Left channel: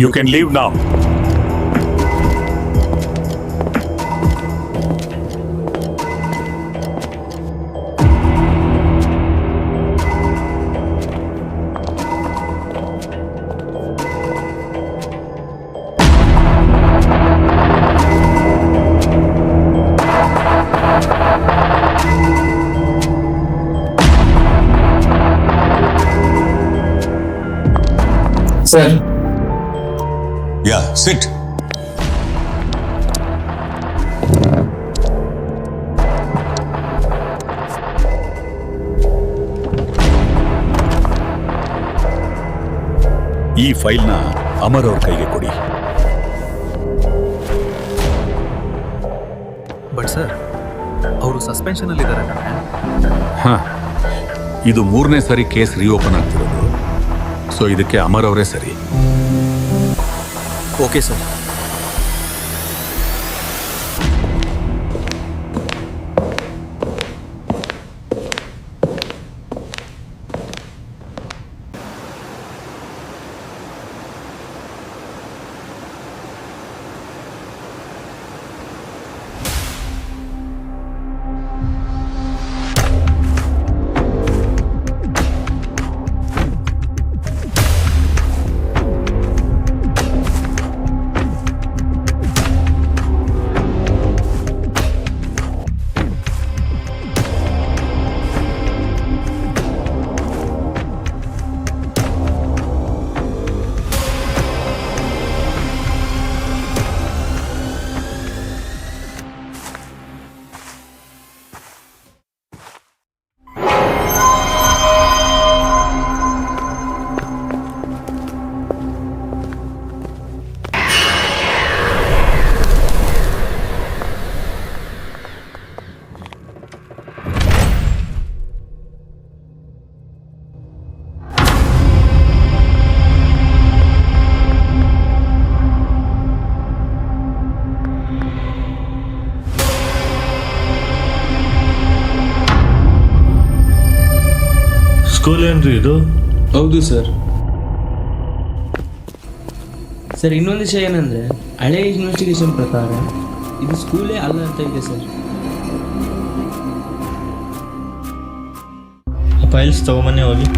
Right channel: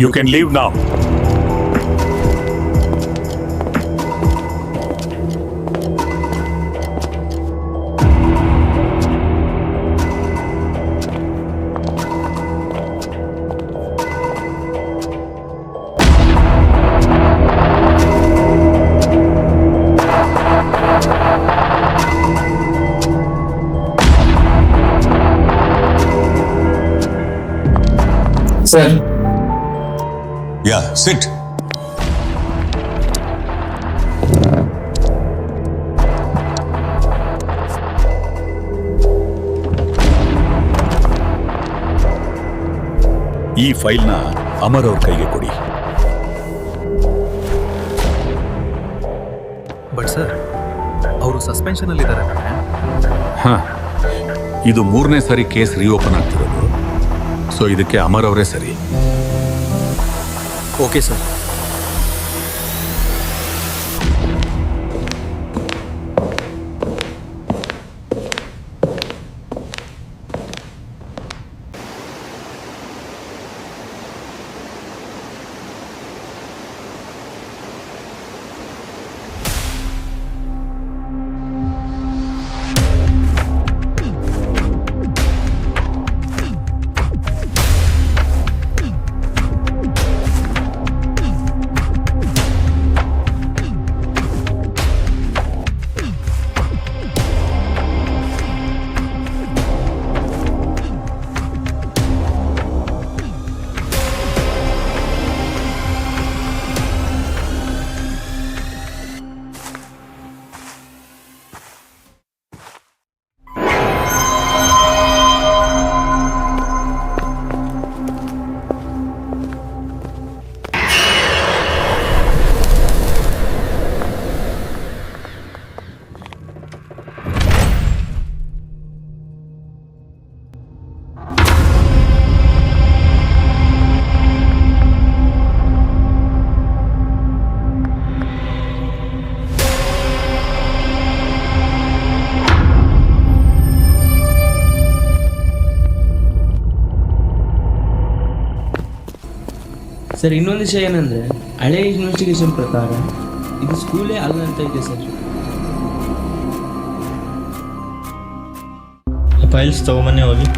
You can leave now. Sir. Yeah, sit. ಈ ಫೈಲ್ನ ಅಮರ್ ಅವ್ರ ಕೈಗೆ ಕೊಡಿ. ಬಟ್ ಸರ್, ಅವರು ಸಸ್ಪೆನ್ಷನ್ ಅಲ್ಲಿ ಇದ್ದಾರೆ. ಇದು 3ನೇ ಸರಿ ಕೇಸ್ ರೀಓಪನ್ ಆಗ್ತಿರೋದು. ಸೊ ಇದಕ್ಕೆ ಅಮರ್ ಅವರೇ ಸರಿ. Okay sir. ಸ್ಕೂಲ್ ಏನ್ರಿ ಇದು? ಹೌದು ಸರ್. ಸರ್, ಇನ್ನೊಂದು ವಿಷಯ ಏನಂದರೆ, ಹಳೆ ಇನ್ವೆಸ್ಟಿಗೇಷನ್ ಪ್ರಕಾರ ಇದು ಸ್ಕೂಲೇ ಅಲ್ಲ ಅಂತ ಇದೆ ಸರ್. ಫೈಲ್ಸ್ ತಗೊಂಬನ್ನಿ ಹೋಗಿ.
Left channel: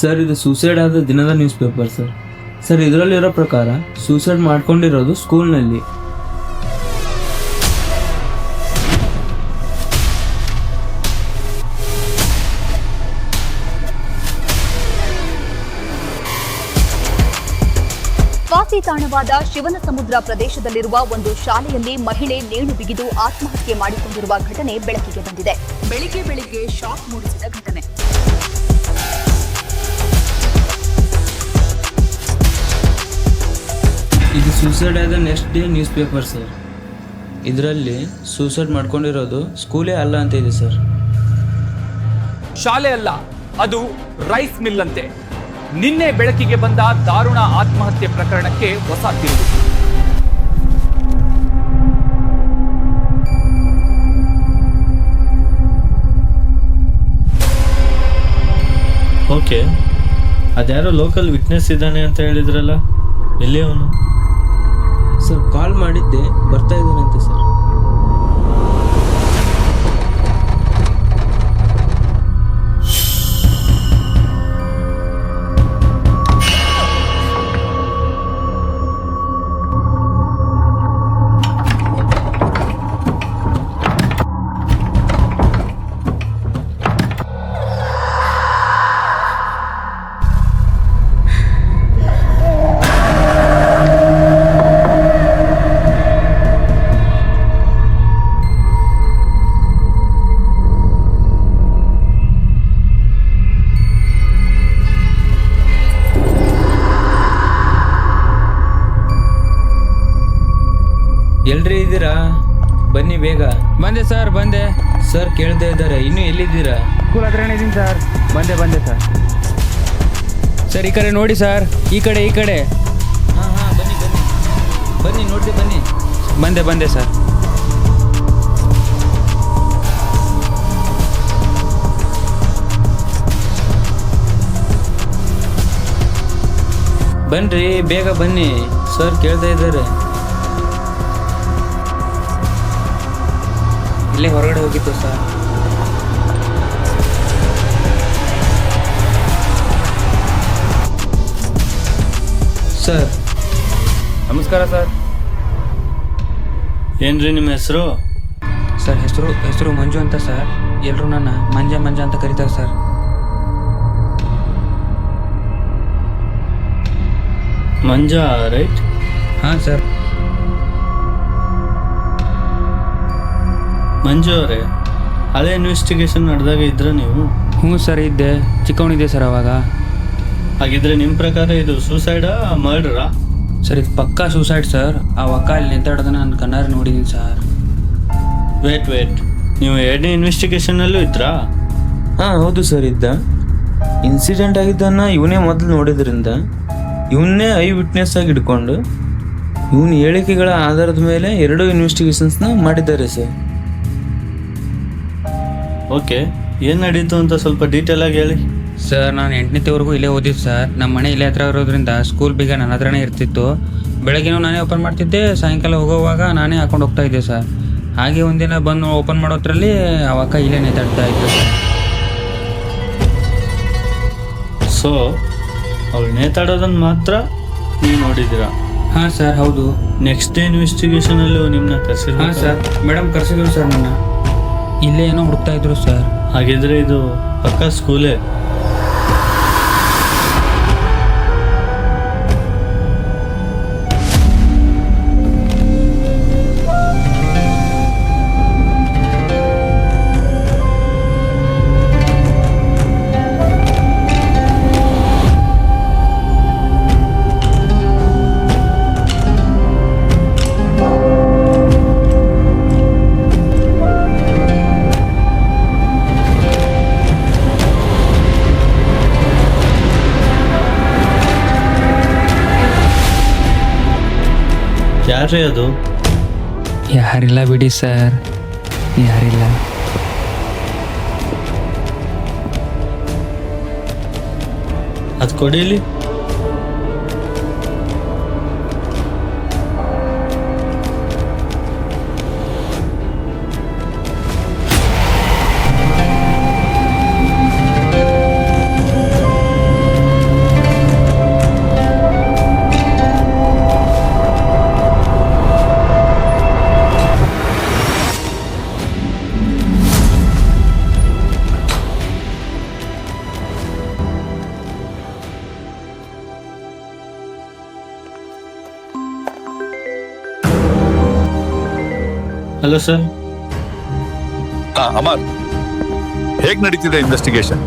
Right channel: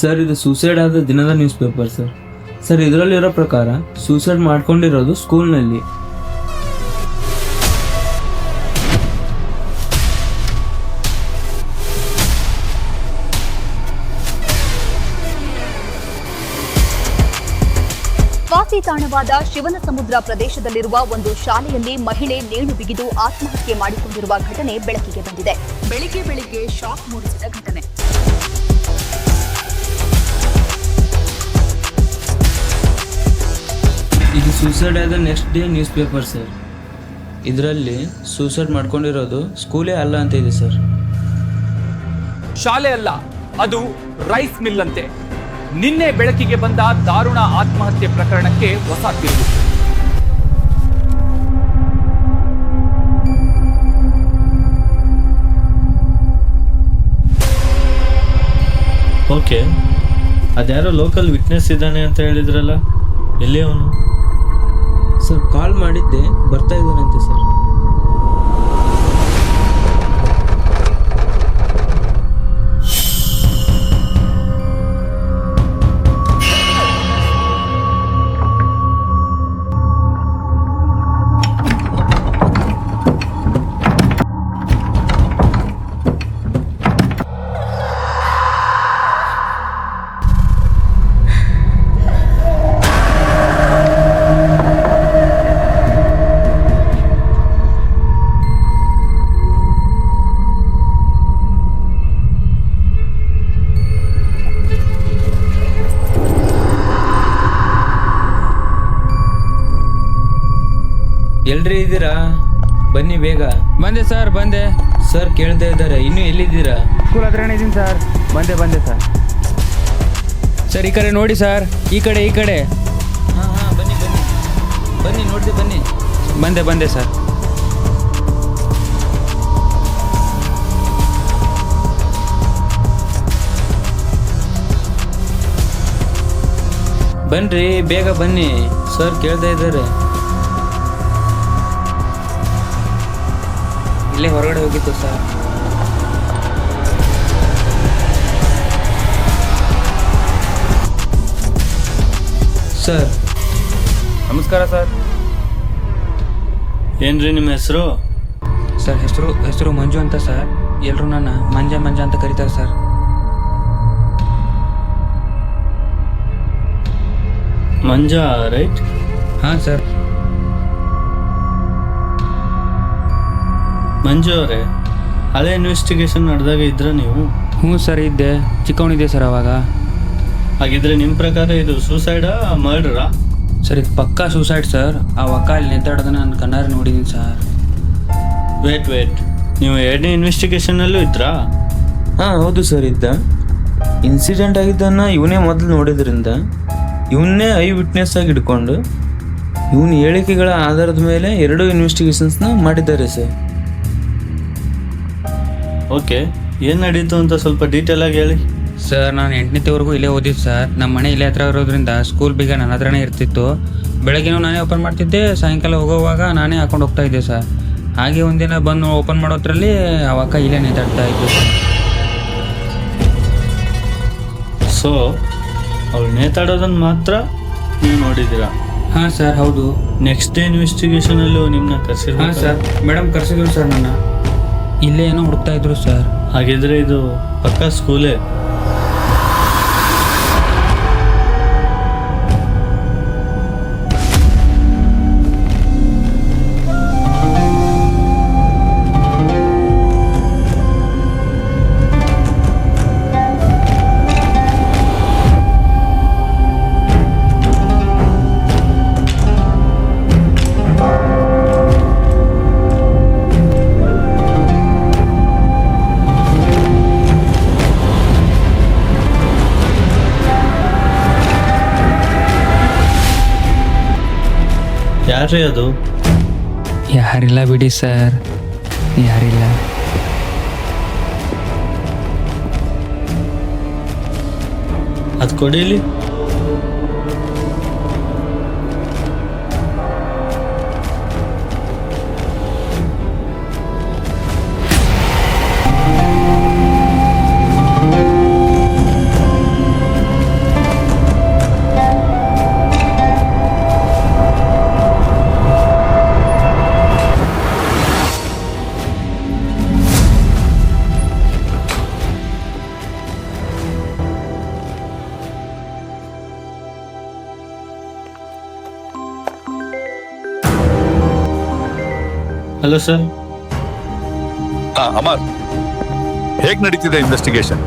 ಸರ್, ಇದು ಸೂಸೈಡ್ ಆದ ದಿನದ ನ್ಯೂಸ್ ಪೇಪರ್ ಸರ್. ಸರ್, ಇದರಲ್ಲಿರೋ ಪ್ರಕಾರ ಸೂಸೈಡ್ ಮಾಡ್ಕೊಂಡಿರೋದು ಸ್ಕೂಲ್ನಲ್ಲಿ. ವಸತಿ ತಾಣವಾದ ಶಿವನಸಮುದ್ರ ಪ್ರದೇಶದಲ್ಲಿರುವ ಒಂದು ಶಾಲೆಯಲ್ಲಿ ಮಹಿಳೆ ನೇಣು ಬಿಗಿದು ಆತ್ಮಹತ್ಯೆ ಮಾಡಿಕೊಂಡಿರುವ ಘಟನೆ ಬೆಳಕಿಗೆ ಬಂದಿದೆ. ಬೆಳಿಗ್ಗೆ ಶಾಕ್ ಮೂಡಿಸಿದ ಘಟನೆ. ಇದು ಸೂಸೈಡ್ ಆದ next day news paper sir. ಇದರಲ್ಲಿ ಸೂಸೈಡ್ ಮಾಡ್ಕೊಂಡಿರೋದು ಸ್ಕೂಲೇ ಅಲ್ಲ ಅಂತ ಇದೆ ಸರ್. ಶಾಲೆ ಅಲ್ಲ, ಅದು ರೈಸ್ ಮಿಲ್ ಅಂತೆ. ನಿನ್ನೆ ಬೆಳಕಿಗೆ ಬಂದ ದಾರುಣ ಆತ್ಮಹತ್ಯೆ ಪ್ರಕರಣಕ್ಕೆ ಹೊಸ ತಿರುವು. ಓಕೆ, ಅದ್ಯಾರೋ ಲೋಕಲ್ ವಿಟ್ನೆಸ್ ಇದ್ದಾನೆ ಅಂತ ಹೇಳಿದ್ರಲ್ಲ, ಎಲ್ಲಿ ಅವನು? ಸರ್ ಕಾಲ್ ಮಾಡಿದ್ದೆ, ಬರ್ತಾ ಇದ್ದಾನಂತೆ ಸರ್. ಎಲ್ರಿ ಇದ್ದೀರಾ? ಬನ್ನಿ ಬೇಗ. ಬಂದೆ ಸರ್, ಬಂದೆ ಸರ್ ಕೇಳ್ತಾ ಇದ್ದಾರೆ, ಇನ್ನೂ ಎಲ್ಲಿದ್ದೀರಾ? ಸ್ಕೂಲ್ ಹತ್ರನೇ ಇದ್ದೀನಿ ಸರ್. ಬಂದೆ ಸರ್. ಸರ್ ಈ ಕಡೆ ನೋಡಿ ಸರ್, ಈ ಕಡೆ ಹಾಂ ಬನ್ನಿ ನೋಡ್ದೆ ಬನ್ನಿ. ಬಂದೆ ಸರ್. ಬನ್ರಿ ಬೇಗ ಬನ್ನಿ, ಸರ್ ಕೇಳ್ತಾ ಇದ್ದಾರೆ. ಇಲ್ಲೇ ಹೊರಗಡೆ ಹೋಗಿತ್ತು ಸರ್. ಸರ್ ನಮಸ್ಕಾರ ಸರ್. ಏನ್ರಿ ನಿಮ್ಮ ಹೆಸರು? ಸರ್ ಹೆಸರು ಮಂಜು ಅಂತ ಸರ್. ಎಲ್ಲರೂ ನನ್ನ ಮಂಜ ಅಂತ ಕರೀತಾರೆ ಸರ್. ಮಂಜಾ ರೈಟ್? ಹಾಂ ಸರ್. ಮಂಜು ಅವರೇ, ಹಳೆ ಇನ್ವೆಸ್ಟಿಗೇಷನ್ ನಡೆದಾಗ ಇದ್ರ ನೀವು? ಹ್ಞೂ ಸರ್, ಇದ್ದೆ. ಚಿಕ್ಕವನಿದ್ದೆ ಸರ್ ಅವಾಗ. ಹಾಗಿದ್ರೆ ನಿಮ್ಮ ಪ್ರಕಾರ ಇದು ಸೂಸೈಡಾ ಮರ್ಡರಾ? ಸರ್ ಇದು ಪಕ್ಕಾ ಸೂಸೈಡ್ ಸರ್. ಆ ಅಕ್ಕ ಅಲ್ಲಿ ನಿಂತಾಡೋದನ್ನ ನಾನು ಕಣ್ಣಾರೆ ನೋಡಿದ್ದೀನಿ ಸರ್. ವೇಟ್, ನೀವು ಎರಡನೇ ಇನ್ವೆಸ್ಟಿಗೇಷನಲ್ಲೂ ಇದ್ರಾ? ಹಾಂ ಹೌದು ಸರ್, ಇದ್ದ. ಇನ್ಸಿಡೆಂಟ್ ಆಗಿದ್ದನ್ನು ಇವನೇ ಮೊದಲು ನೋಡಿದ್ರಿಂದ ಇವನ್ನೇ ಐ ವಿಟ್ನೆಸ್ ಆಗಿ ಹಿಡ್ಕೊಂಡು ಇವನ ಹೇಳಿಕೆಗಳ ಆಧಾರದ ಮೇಲೆ 2 ಇನ್ವೆಸ್ಟಿಗೇಷನ್ಸ್ನ ಮಾಡಿದ್ದಾರೆ ಸರ್. ಓಕೆ, ಏನು ನಡೀತು ಅಂತ ಸ್ವಲ್ಪ ಡೀಟೇಲ್ ಆಗಿ ಹೇಳಿ. ಸರ್ ನಾನು 8ನೇವರೆಗೂ ಇಲ್ಲೇ ಓದಿದ್ದು ಸರ್. ನಮ್ಮ ಮನೆ ಇಲ್ಲೇ ಹತ್ರ ಇರೋದ್ರಿಂದ ಸ್ಕೂಲ್ ಬೀಗ ನನ್ನ ಹತ್ರನೇ ಇರ್ತಿತ್ತು. ಬೆಳಗ್ಗೆನೂ ನಾನೇ ಓಪನ್ ಮಾಡ್ತಿದ್ದೆ, ಸಾಯಂಕಾಲ ಹೋಗೋವಾಗ ನಾನೇ ಹಾಕೊಂಡು ಹೋಗ್ತಾ ಇದ್ದೆ ಸರ್. ಹಾಗೆ ಒಂದಿನ ಬಂದು ಓಪನ್ ಮಾಡೋದ್ರಲ್ಲಿ ಅವಾಗ ಇಲ್ಲೇ ನೇತಾಡ್ತಾ ಇದ್ದು ಸರ್. ಸೊ ಅವಳು ನೇತಾಡೋದನ್ನು ಮಾತ್ರ ನೀವು ನೋಡಿದ್ದೀರಾ? ಹಾಂ ಸರ್ ಹೌದು. ನೆಕ್ಸ್ಟ್ ಡೇ ಇನ್ವೆಸ್ಟಿಗೇಷನಲ್ಲೂ ನಿಮ್ಮನ್ನ ಕರೆಸಿದ್ರು? ಹಾಂ ಸರ್, ಮೇಡಮ್ ಕರೆಸಿದ್ರು ಸರ್ ನನ್ನ. ಇಲ್ಲೇ ಏನೋ ಹುಡುಕ್ತಾ ಇದ್ರು ಸರ್. ಹಾಗಿದ್ರೆ ಇದು ಪಕ್ಕಾ ಸ್ಕೂಲೇ. ಯಾರೇ ಅದು? ಯಾರಿಲ್ಲ ಬಿಡಿ ಸರ್, ಯಾರಿಲ್ಲ. ಅದು ಕೊಡಿಲಿ. Hello sir. ಅಮರ್, ಹೇಗ್ ನಡೀತಿದೆ investigation?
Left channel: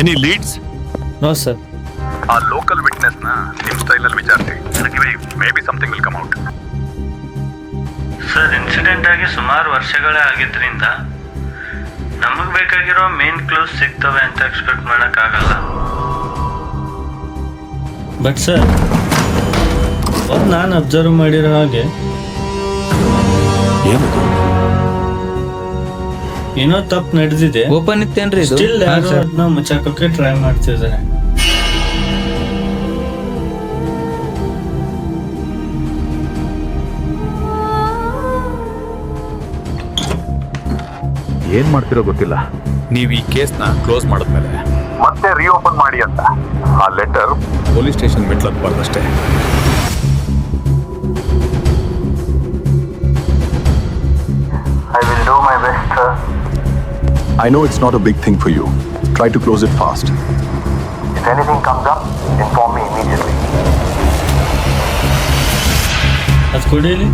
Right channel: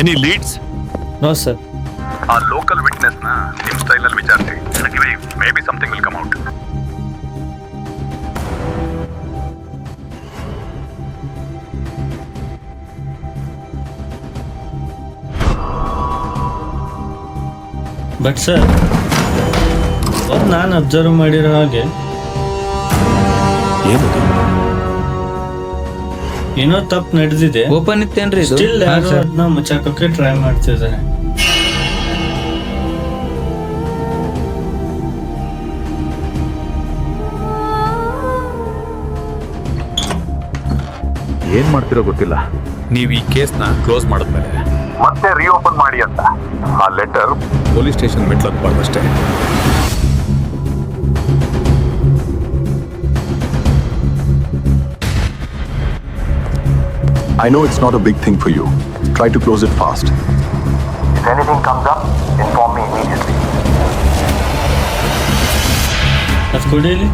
Any leads? No sir. ಆ ಲೋಕಲ್ ವಿಟ್ನೆಸ್ ನ ನಿಮ್ ಸ್ಟೈಲ್ ನಲ್ಲಿ ವಿಚಾರಿಸಿ. Maybe something will come out. Sir, incident ಆಗಿ ಸುಮಾರು ವರ್ಷಗಳೇ ಆಗಿದ್ರಿಂದ ನಮಗ್ ಬೇಕಾಗಿರೋ ಮೇನ್ ಕ್ಲೋಸ್ ಸಿಗ್ತವೆ ಅಂತ ಎಕ್ಸ್ಪೆಕ್ಟ್ ಮಾಡಕ್ಕಾಗಲ್ಲ. ಬಟ್ ಸರ್, ಒಂದು ನಾನು ಅಬ್ಸರ್ವ್ ಮಾಡಿರೋ ಹಾಗೆ ಏನದು? ಏನೋ ತಪ್ಪು ನಡೆದಿದೆ. ಓಪನ್ ಇತ್ತೇನ್ರಿ ಇದು? ಸ್ಟಿಲ್ ಹಾ, ಯಾರು ಸರ್. ಅದನ್ನ ಮುಚ್ಚಾಕೋಕೆ ಟ್ರೈ ಮಾಡ್ತಿದ್ದಾರೆ. ಏನ್ ಮಾಡ್ತಿರೋ ಗೊತ್ತಿಲ್ಲ. ನೀವು ಈ ಕೇಸ್ನ ಕ್ಲೋಸ್ ಮಾಡಿದ್ಮೇಲೆ ಮತ್ತೆ ರಿಓಪನ್ ಮಾಡಿ ಅಂತ ಆ ಲೆಟರ್ ಪೊಲೀಸ್ ಸ್ಟೇಷನ್ ಮೆಟ್ಲು ಹತ್ಬಾರ್ದಷ್ಟೇ. I know it's not a big thing for you. Try to close it fast. If anything comes up, inform me immediately. ಅದು ಕೊಡಿಲಿ.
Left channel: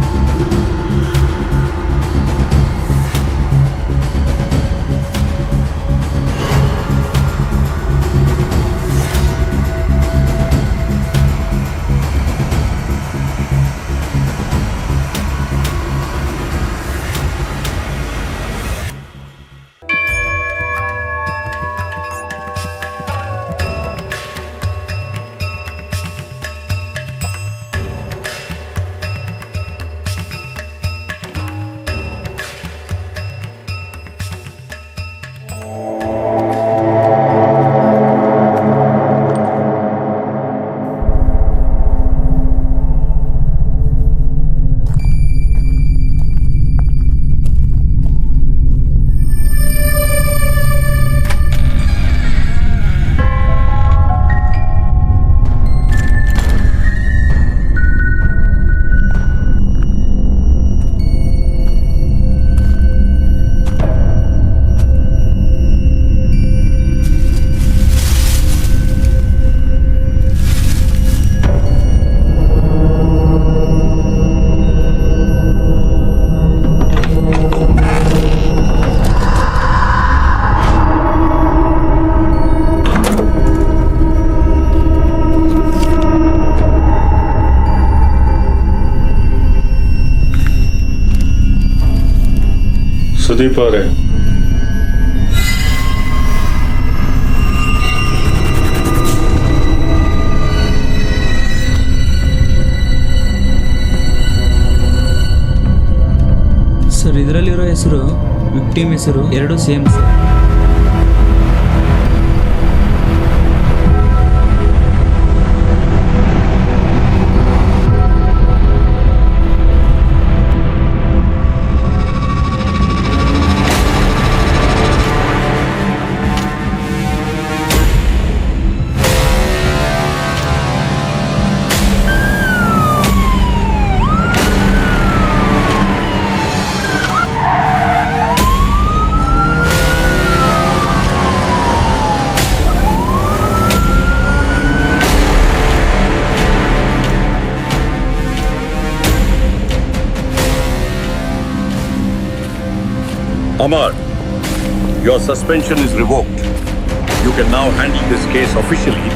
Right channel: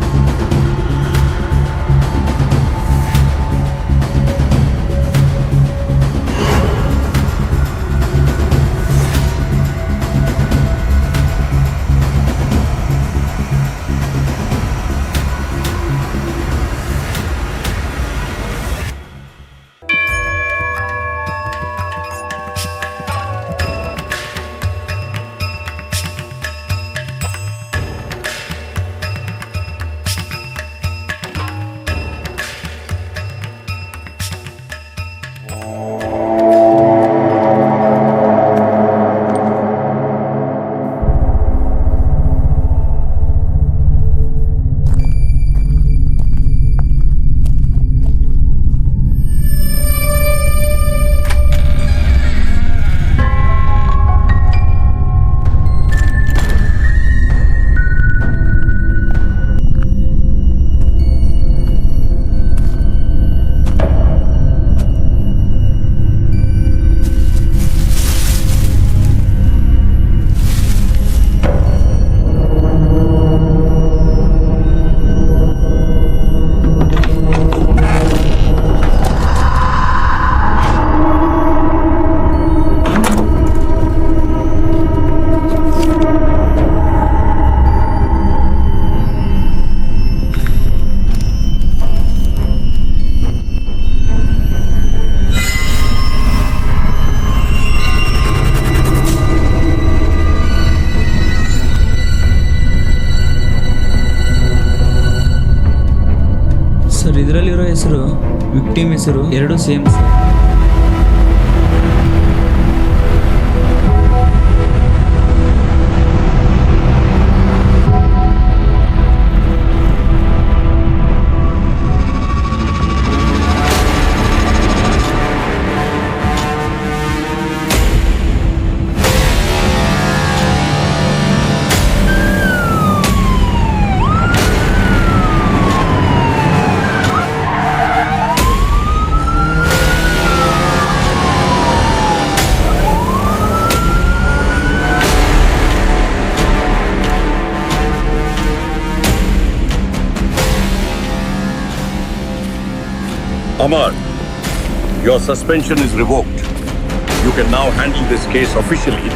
ಸುದೀಪ್ ಅವರೇ, ಸರ್, ಇದರಲ್ಲಿರೋ ಹೆಸರು ವಿಕ್ಟಿಮ್ ಹೆಸರು ಎರಡು same sir. Amar, your suspension is revoked. You can now handle this case officially